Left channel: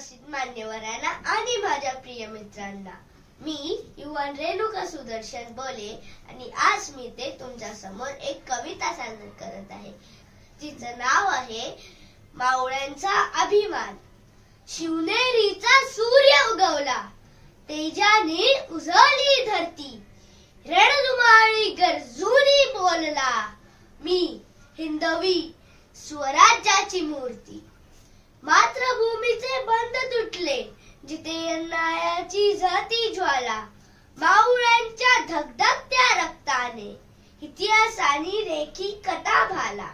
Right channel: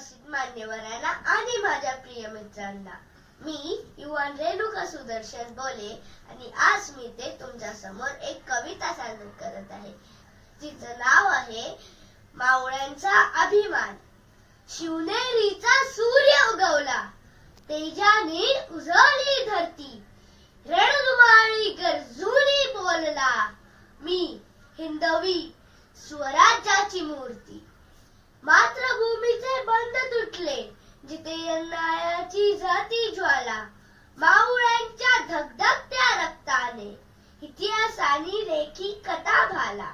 उपस्थित मान्यवरांना आणि माझ्या प्रिय मित्रांना मी युवन रेणुका सुदर्शन बोले आणि आज मी ते तुमच्या समोर एक कविता सादर करत आहे जिचं नाव आहे मावळ्यांचा अभिमान। शिवनेरीचा सूर्य उगवला तेजाने उजळली धरती, रणधुमाळी गर्जूनी बोलला मी हिंदवी स्वराज्याची मूर्ती। मातृभूमीचे बंध तुटले जिथे अन्यायाची जाती ज्वाला, मावळ्यांच्या धगधगत्या रक्ताने इतिहासाने रेखी कथा भाला।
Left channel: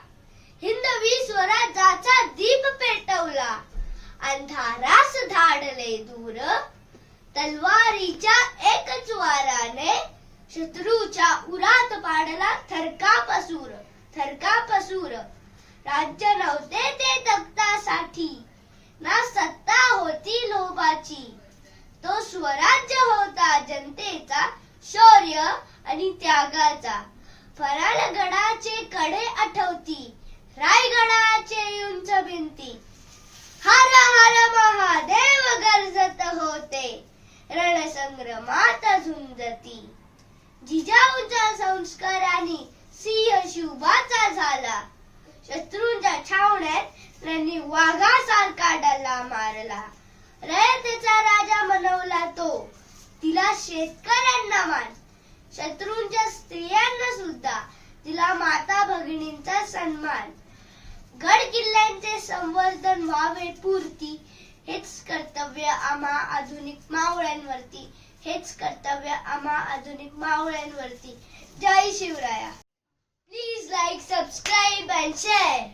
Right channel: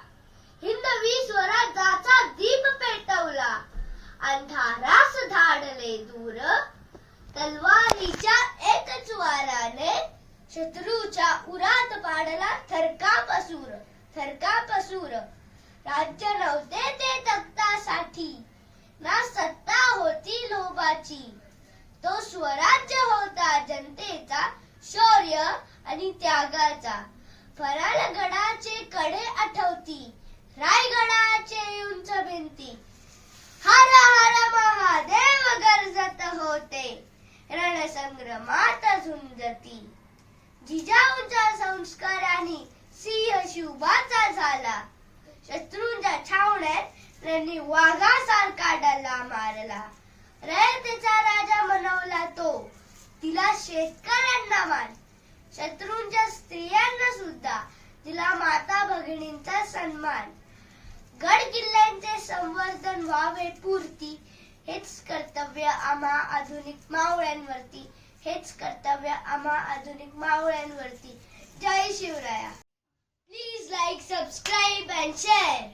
हिंदवी स्वराज्याचा दीप पेटवला अंधारास धाडले दूर, तलवारीच्या एकच वाराने शत्रूच्या उरात पाडला थरकापसूर थरकापसूर। राज्य नव्हते ते तख्तासाठी ना सत्ता होती लोभाची, तो स्वराज्य होता जनतेचा शौर्य आणि त्यागाचा। फराळगडाचे कडे आठवती रायगडाचे उंच भिंती, हर हर महादेव गरजत होते रणसंग्रामात झुंजती। जिजाऊच्या संस्काराने सिंह शिवबाचा झाला, शत्रूंच्या छावण्यात त्यांनी वाघासारखा डल्ला मारला। रयतेचा राजा मनवला तो, तिला शेतकऱ्यांना मान, शत्रूंच्या स्त्रियांना सुद्धा तिला माता भगिनींचा सन्मान। गड किल्ल्यांचे संवर्धन व्हावे पूर्ती, हेच कर्तव्य आम्हा आधुनिक मावळ्यांवरती, हेच कर्तव्य आम्हा आधुनिक मावळ्यांवरती। जय Shivraya. Please like, subscribe and share.